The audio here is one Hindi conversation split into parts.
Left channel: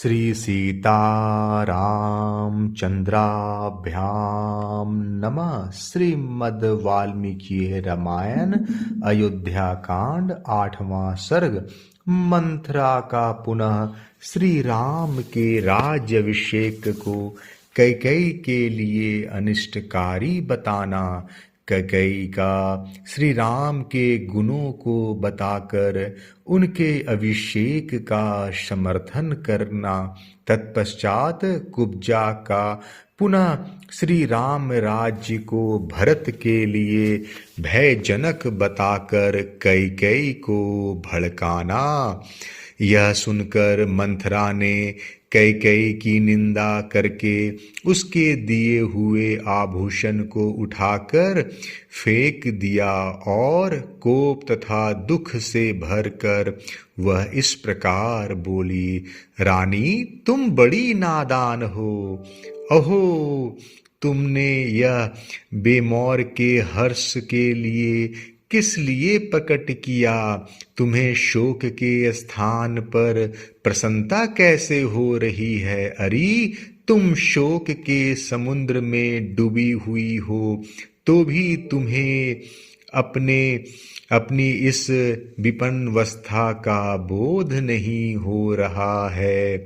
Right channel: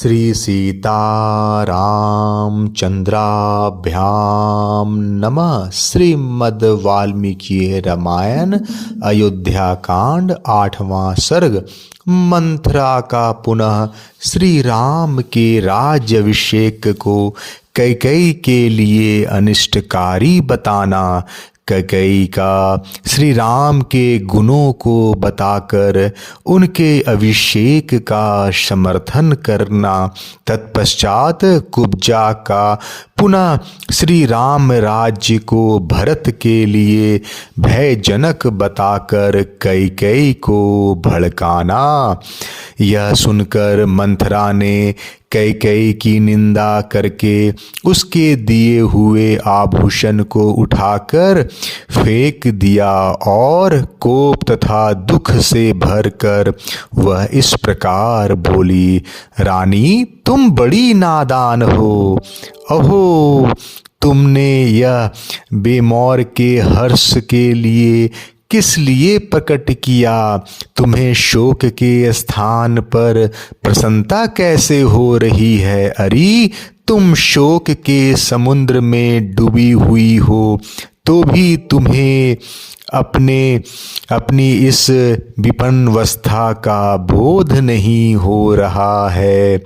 श्री सीतारामचंद्राभ्याम नमः। श्रीमद् वाल्मीकि रामायण अयोध्या कांड 8वां सर्ग। मंथरा का पुनः श्री राम के राज्याभिषेक को कैकेयी के लिए अनिष्टकारी बताना। कैकेयी का श्री राम के गुणों को बताकर उनके अभिषेक का समर्थन करना। तत्पश्चात कुब्जा का पुनः श्री राम राज्य को भरत के लिए भयजनक बताकर कैकेयी को भड़काना। यह सुनकर मंथरा ने कैकेयी की निंदा करके उसके दिए हुए आभूषण को उठाकर फेंक दिया और कोप तथा दुख से भरकर वह इस प्रकार बोली, रानी तुम बड़ी नादान हो। अहो, तुमने यह बेमौर के हर्ष के लिए किस लिए प्रकट किया? तुम्हें शोक के स्थान पर प्रसन्नता कैसे हो रही है? अरे तुम शोक के समुद्र में डूबी हुई हो तो भी तुम्हें अपनी इस विपन्नवस्था का बोध नहीं हो रहा है।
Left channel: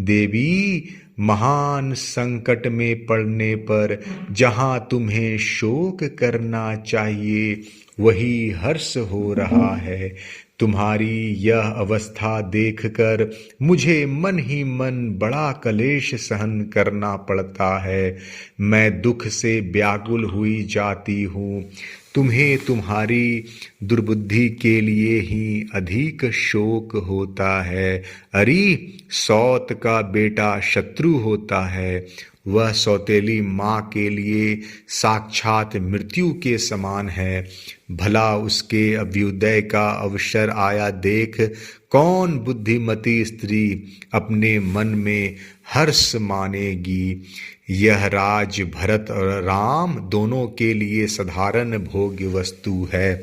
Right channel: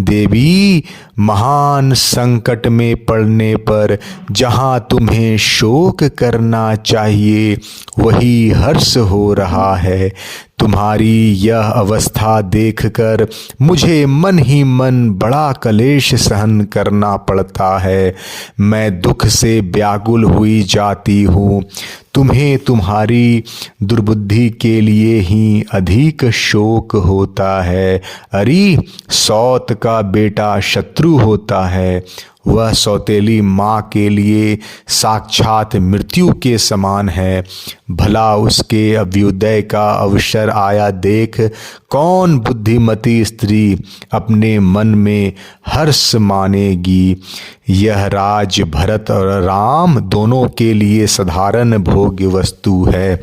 देवी, महान संकट में पड़ने पर जहाँ तुम्हें शोक करना चाहिए वही हर्ष हो रहा है। तुम्हारी यह अवस्था देखकर मुझे मन ही मन बड़ा क्लेश सहन करना पड़ता है। मैं दुख से व्याकुल हुई जाती हूँ। तुम्हें तुम्हारी दुर्बुद्धि के लिए ही अधिक शोक होता है। अरे सौत का बेटा शत्रु होता है। वह सौतेली माँ के लिए साक्षात मृत्यु के समान है। भला उसके अभ्युदय का अवसर आया देख कौन बुद्धिमती स्त्री अपने मन में हर्ष मानेगी। यह राज भरत और राम दोनों के लिए साधारण भोग्य वस्तु है,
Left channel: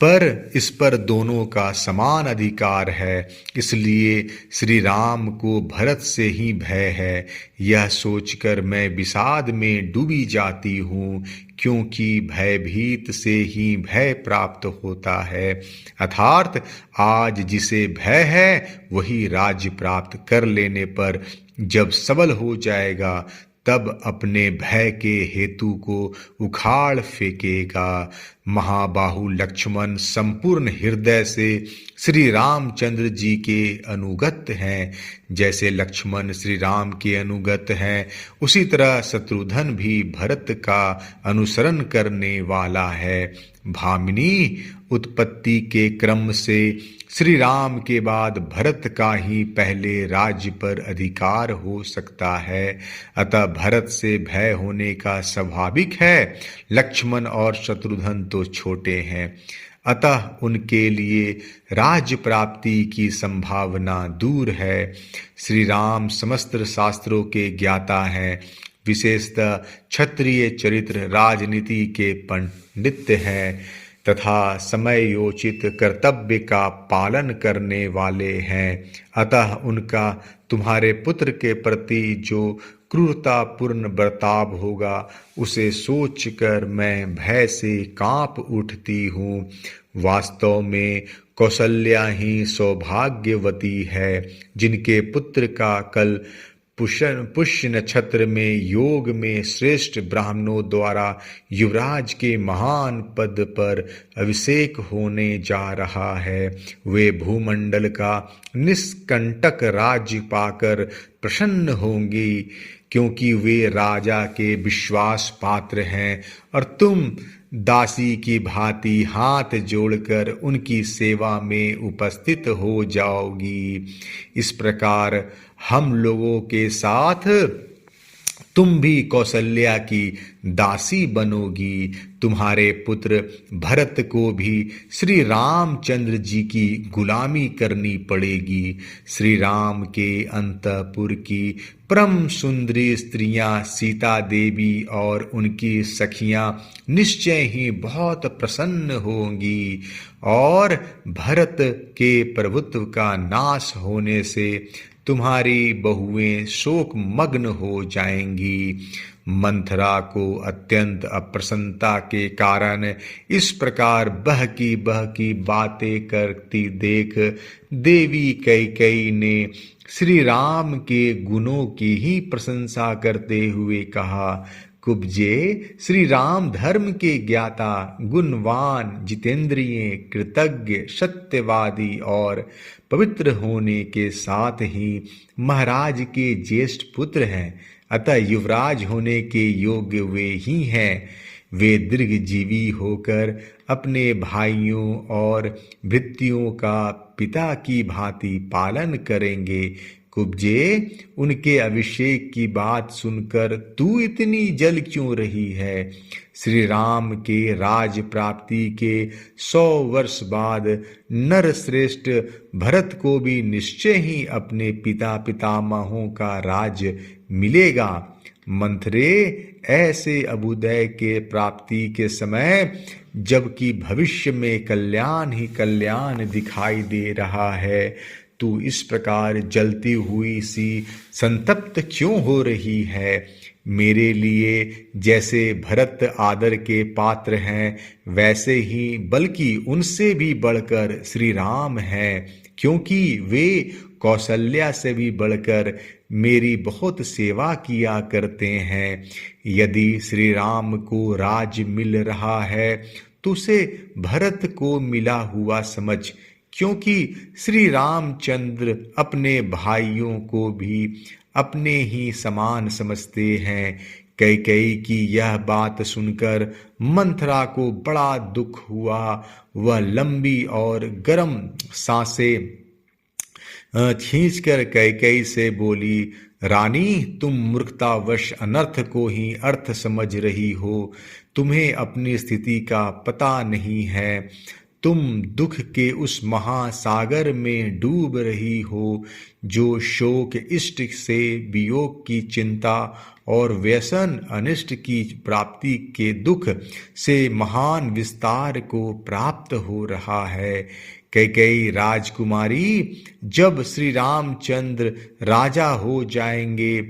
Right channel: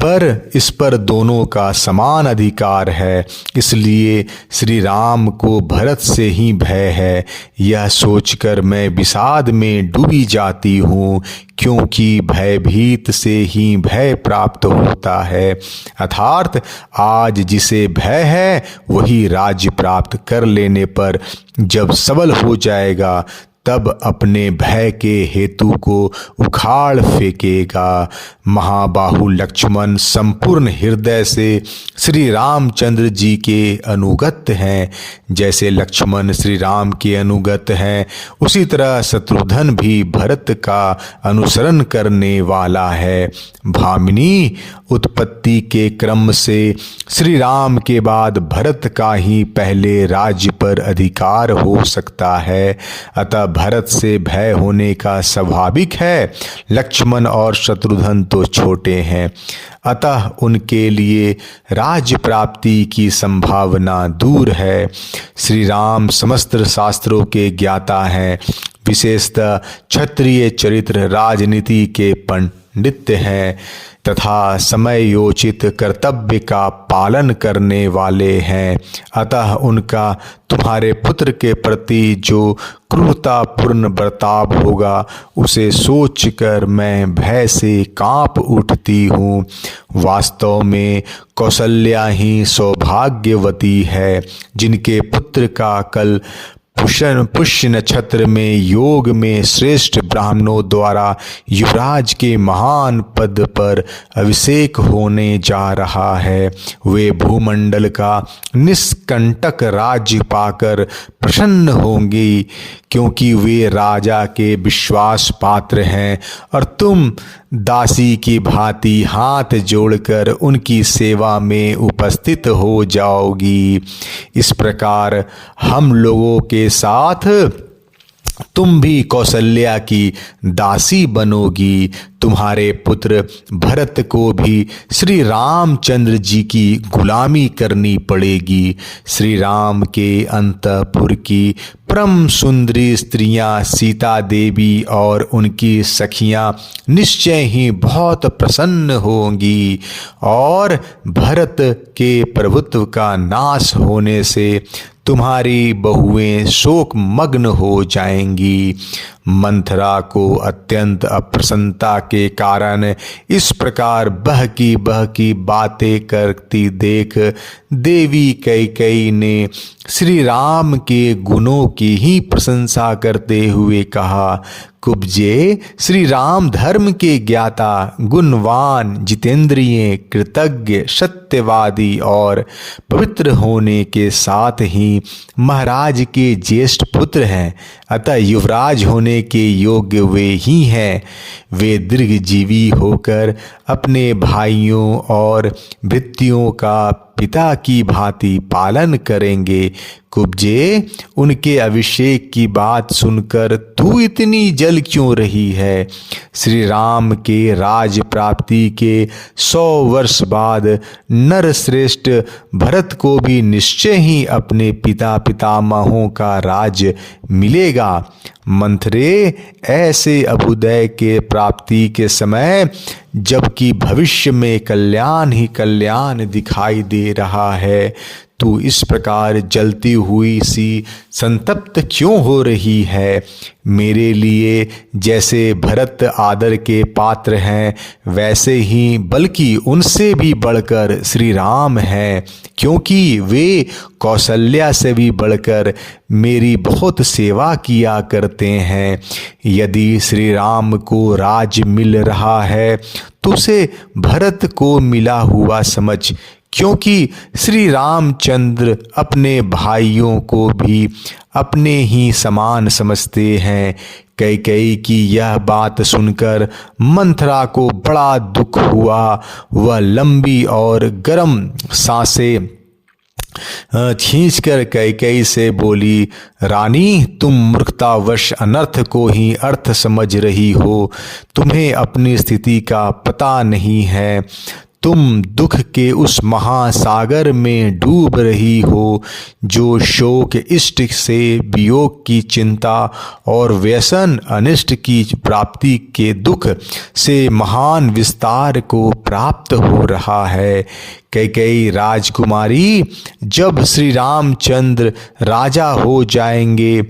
पर इस पर दोनों का समान अधिकार है। इसलिए श्री राम को भरत से ही भय है। यह सोचकर मैं विषाद में डूबी जाती हूँ, क्योंकि भयभीत से ही भय प्राप्त होता है। अर्थात आज जिसे भय है वही राज्य प्राप्त कर लेने पर जब सबल हो जाएगा तब अपने भय के हेतु को उखाड़ फेंकेगा। महाबाहु लक्ष्मण संपूर्ण हृदय से श्री रामचंद्र जी के अनुगत हैं। जैसे लक्ष्मण श्री राम के अनुगत हैं, उसी तरह शत्रुघ्न भी भरत का अनुसरण करने वाला है। भामिनी, उत्पत्ति के क्रम से श्री राम के बाद भरत का ही पहले राज्य पर अधिकार हो सकता है। अतः भरत से भय होने का स्वाभाविक है। लक्ष्मण और शत्रुघ्न तो छोटे हैं, अतः उनके लिए राज्य प्राप्ति की संभावना दूर है। श्री राम समस्त शास्त्रों के ज्ञाता हैं, विशेषतः क्षत्रिय चरित्र राजनीति के पंडित हैं तथा समयोचित कर्तव्य का पालन करने वाले हैं। अतः उनका तुम्हारे पुत्र के प्रति जो क्रूरतापूर्ण बर्ताव होगा उसे सोचकर मैं भय से कांप उठती हूँ। वास्तव में कौशल्या ही सौभाग्यवती है, जिनके पुत्र का कल पुष्य नक्षत्र में योग में श्रेष्ठ ब्राह्मणों द्वारा युवराज के महान पद पर अभिषेक होने जा रहा है। वे भूमंडल का निष्कंटक राज्य पाकर प्रसन्न होंगी, क्योंकि वे राजा के विश्वास पात्र हैं और तुम दासी की भांति हाथ जोड़कर उनकी सेवा में उपस्थित हो जाओगी। इस प्रकार हम लोगों के साथ तुम भी कौशल्या की दासी बनोगी। तुम्हारे पुत्र भरत को भी श्री रामचंद्र जी की गुलामी करनी पड़ेगी। श्री राम के अंतपुर की परम सुंदरी स्त्रियां सीता देवी और उनकी सखियां निश्चय ही बहुत प्रसन्न होंगी और भरत के प्रभुत्व का नाश होने से तुम्हारी बहुएं शोक मग्न हो जाएंगी। मंथरा को अत्यंत अप्रसन्नता के कारण इस प्रकार बहकी बातें करती देख देवी कैकेयी ने श्री राम के गुणों की ही प्रशंसा करते हुए कहा, कुब्जे, श्री राम धर्म के ज्ञाता, गुणवान, जितेंद्रिय, कृतज्ञ, सत्यवादी और पवित्र होने के साथ ही महाराज के ज्येष्ठ पुत्र हैं, अतः युवराज होने के योग्य वे ही हैं। वे दीर्घजीवी होकर अपने भाइयों और भृत्यों का पिता की भांति पालन करेंगे। कुब्जे, उनके अभिषेक की बात सुनकर तू इतनी जल क्यों रही है? श्री राम के राज प्राप्ति के 100 वर्ष बाद नरश्रेष्ठ भरत को भी निश्चय ही अपने पितामहों का राज मिलेगा। मंथरे, ऐसे अभ्युदय के प्राप्ति के समय जबकि भविष्य में कल्याण ही कल्याण दिखाई दे रहा है, तू इस प्रकार जलती हुई सी संतप्त क्यों हो रही है? मेरे लिए जैसे भरत आदर के पात्र हैं, वैसे ही बल्कि उनसे भी बढ़कर श्री राम हैं, क्योंकि वे कौशल्या से भी बढ़कर मेरी बहुत सेवा किया करते हैं। यदि श्री राम को राज मिल रहा है तो उसे भरत को मिला हुआ समझ, क्योंकि श्री रामचंद्र अपने भाइयों को भी अपने ही समान समझते हैं। कैकेयी की यह बात सुनकर मंथरा को बड़ा दुख हुआ। वह लंबी और गर्म सांसें खींचकर कैकेयी से बोली, रानी, तुम मूर्खतावश अनर्थ को ही अर्थ समझ रही हो। तुम्हें अपनी स्थिति का पता नहीं है। तुम दुख के उस महासागर में डूब रही हो जो शोक, इष्ट से वियोग की चिंता और व्यसन, अनिष्ट की प्राप्ति के दुख से महान विस्तार को प्राप्त हो रहा है। कैकेयी राजकुमारी, जब श्री रामचंद्र राजा हो जाएंगे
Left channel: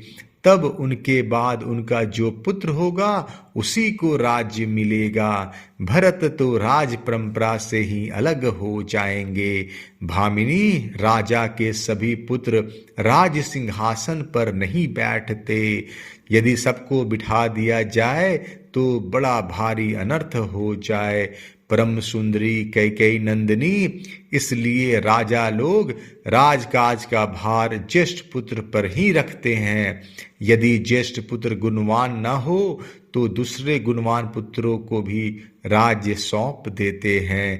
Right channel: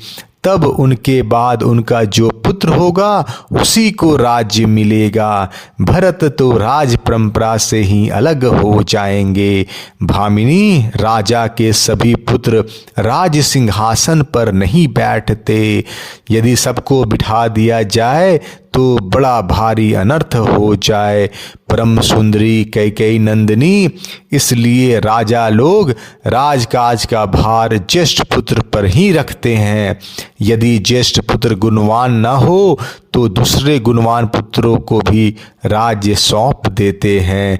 तब उनके बाद उनका जो पुत्र होगा उसी को राज्य मिलेगा। भरत तो राज परंपरा से ही अलग हो जाएंगे। भामिनी, राजा के सभी पुत्र राज सिंहासन पर नहीं बैठते। यदि सबको बिठा दिया जाए तो बड़ा भारी अनर्थ हो जाए। परम सुंदरी कैकेयी नंदिनी, इसलिए राजा लोग राजकाज का भार ज्येष्ठ पुत्र पर ही रखते हैं। यदि ज्येष्ठ पुत्र गुणवान न हो तो दूसरे गुणवान पुत्रों को भी राज्य सौंप देते हैं।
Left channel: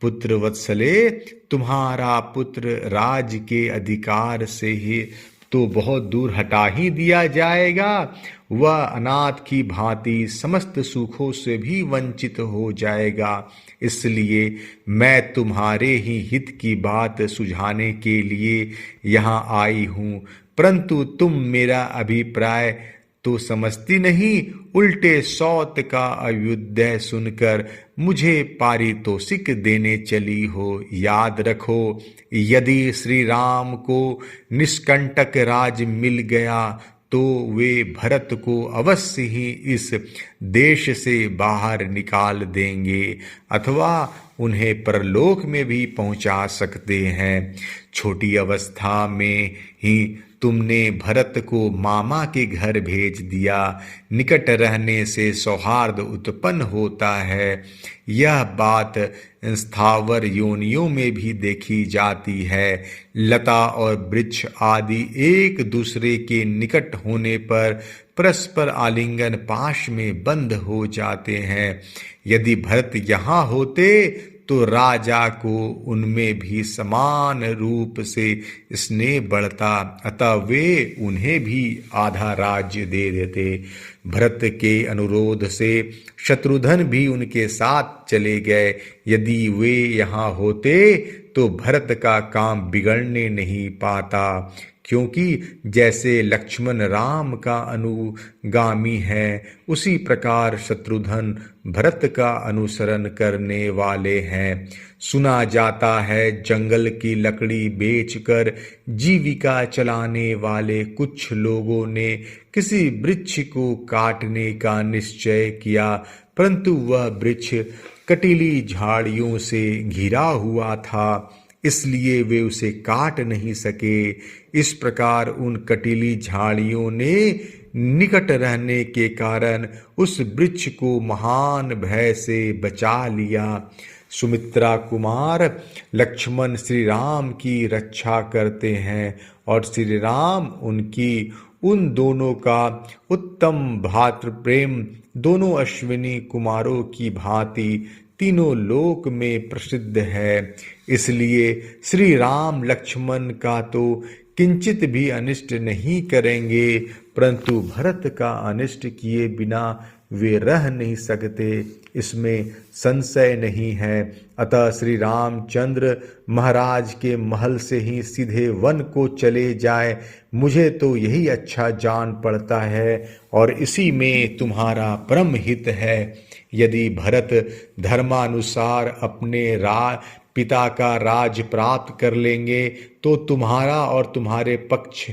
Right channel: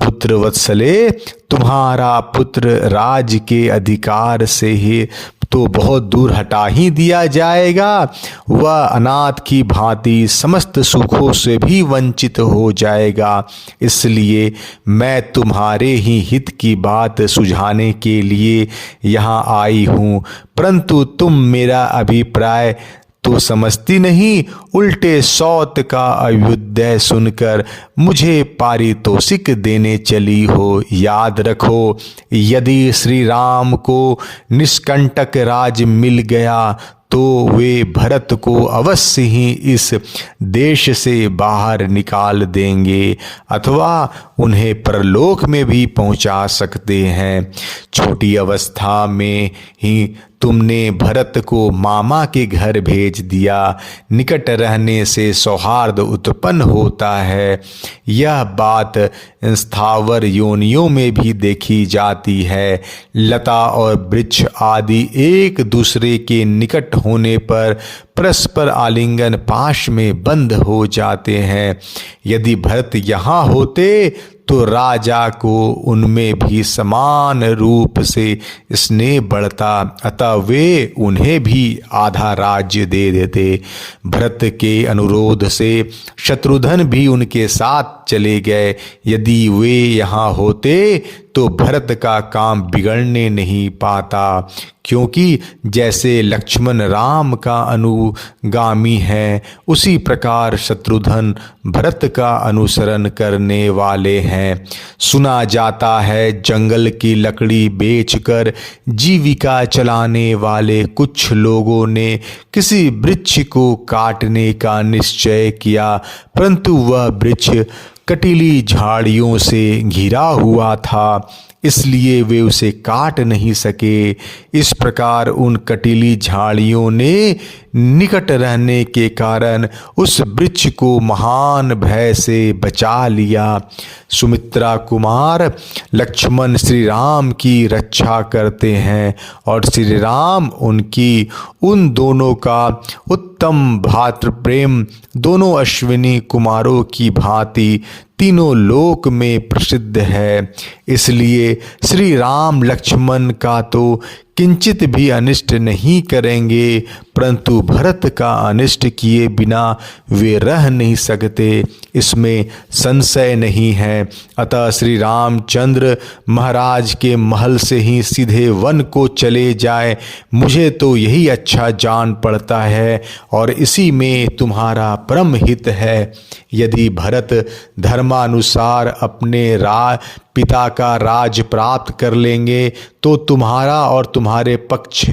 पुत्र वत्सले, तुम्हारा पुत्र राज के अधिकार से ही तो बहुत दूर हटा ही दिया जाएगा। वह अनाथ की भांति समस्त सुखों से भी वंचित हो जाएगा। इसलिए मैं तुम्हारे ही हित की बात सुझाने के लिए यहाँ आई हूँ, परंतु तुम मेरा अभिप्राय तो समझती नहीं, उल्टे सौत का अभ्युदय सुनकर मुझे पारितोषिक देने चली हो। याद रखो, यदि श्री राम को निष्कंटक राज मिल गया तो वे भरत को अवश्य ही इस देश से बाहर निकाल देंगे अथवा उन्हें परलोक में भी पहुंचा सकते हैं। छोटी अवस्था में ही तुमने भरत को मामा के घर भेज दिया। निकट रहने से सौहार्द उत्पन्न होता है। यह बात स्थावर योनियों में भी देखी जाती है। लता और वृक्ष आदि एक दूसरे के निकट होने पर परस्पर आलिंगन पाश में बंद हो जाते हैं। यदि भरत यहाँ होते तो राजा को उनमें भी समान रूप से स्नेह बढ़ता, अतः वे उन्हें भी आधा राज्य दे देते। भरत के अनुरोध से शत्रुघ्न भी उनके साथ चले गए। यदि वे यहाँ होते तो भरत का काम बिगड़ने नहीं पाता, क्योंकि जैसे लक्ष्मण राम का अनुगामी है, उसी प्रकार शत्रुघ्न भरत का अनुसरण करने वाले हैं। सुना जाता है जंगल की लकड़ी बेचकर जीविका चलाने वाले कुछ लोगों ने किसी वृक्ष को काटने का निश्चय किया, परंतु वह वृक्ष कटीली झाड़ियों से घिरा हुआ था, इसलिए वे उसे काट नहीं सके। इस प्रकार उन कटीली झाड़ियों ने निकट रहने के कारण उस वृक्ष को महान भय से बचा लिया। सुमित्रा कुमार लक्ष्मण श्री राम की रक्षा करते हैं और श्री राम उनकी उन दोनों का उत्तम भातृ प्रेम दोनों अश्विनी कुमारों की भांति तीनों लोक में प्रसिद्ध है। इसलिए श्री राम लक्ष्मण का तो किंचित भी अनिष्ट नहीं करेंगे, परंतु भरत का अनिष्ट किए बिना वे रह नहीं सकते, इसमें संशय नहीं है। अतः श्री रामचंद्र महाराज के महल से ही सीधे वन को चले जाए, मुझे तो यही अच्छा जान पड़ता है और इसी में तुम्हारा परम हित है। यदि भरत धर्मानुसार अपने पिता का राज प्राप्त कर लेंगे तो तुम्हारा और तुम्हारे पक्ष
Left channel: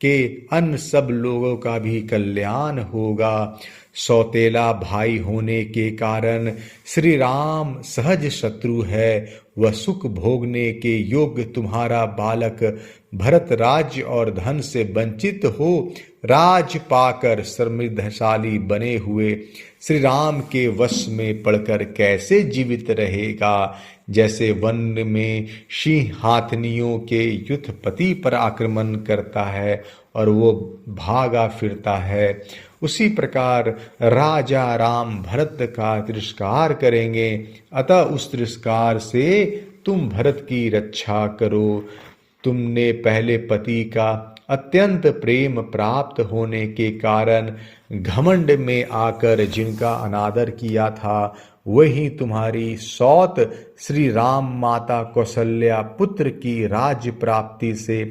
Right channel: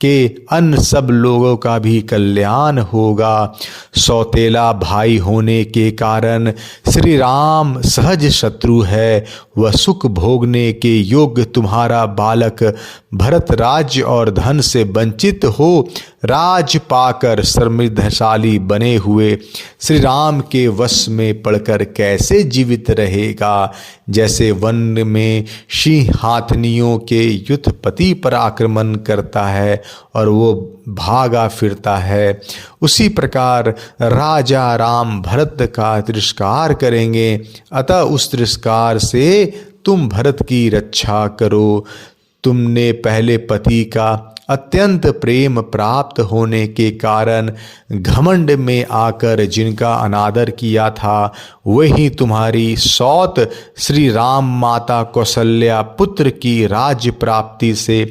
के अन्य सब लोगों का भी कल्याण होगा। सौतेला भाई होने के कारण श्री राम सहज शत्रु है, वह सुख भोगने के योग्य तुम्हारा बालक भरत राज्य और धन से वंचित हो राज पाकर समृद्धशाली बने हुए श्री राम के वश में पड़कर कैसे जीवित रहेगा। जैसे वन में सिंह हाथनियों के युद्धपति पर आक्रमण करता है और वो भागा फिरता है, उसी प्रकार राजा राम भरत का तिरस्कार करेंगे। अतः उस तिरस्कार से तुम भरत की रक्षा करो। तुमने पहले पति का अत्यंत प्रेम प्राप्त होने के कारण घमंड में आकर जिनका अनादर किया था, वही तुम्हारी सौत श्री राम माता कौशल्या पुत्र की राज्य प्राप्ति से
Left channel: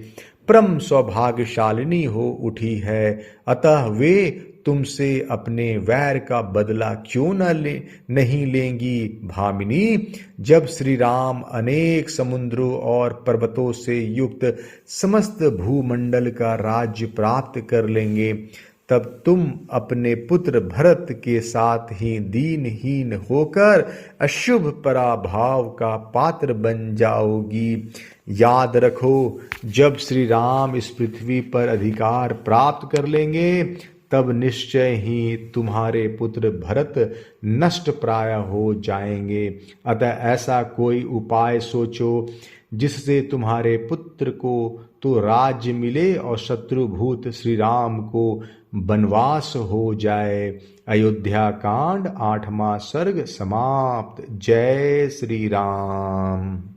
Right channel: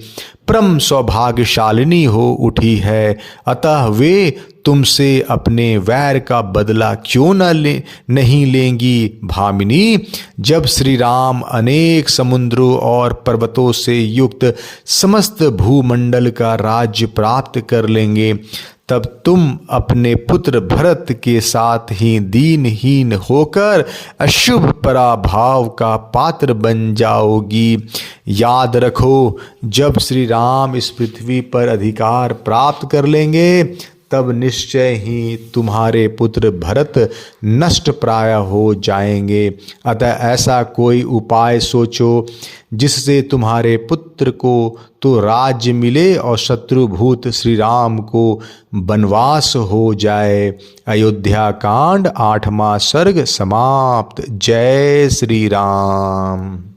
परम सौभाग्यशालिनी हो उठी है। अतः वे तुमसे अपने वैर का बदला क्यों नहीं लेंगी भामिनी। जब श्री राम अनेक समुद्रों और पर्वतों से युक्त समस्त भूमंडल का राज्य प्राप्त कर लेंगे, तब तुम अपने पुत्र भरत के साथ ही दीनहीन होकर अशुभ पराभाव का पात्र बन जाओगी। याद रखो, जब श्री राम इस पृथ्वी पर अधिकार प्राप्त कर लेंगे तब निश्चय ही तुम्हारे पुत्र भरत नष्ट प्राय हो जाएंगे। अतः ऐसा कोई उपाय सोचो जिससे तुम्हारे पुत्र को तो राज्य मिले और शत्रुभूत श्री राम को वनवास हो जाए। अयोध्या कांड 8वां सर्ग समाप्त। जय श्री राम।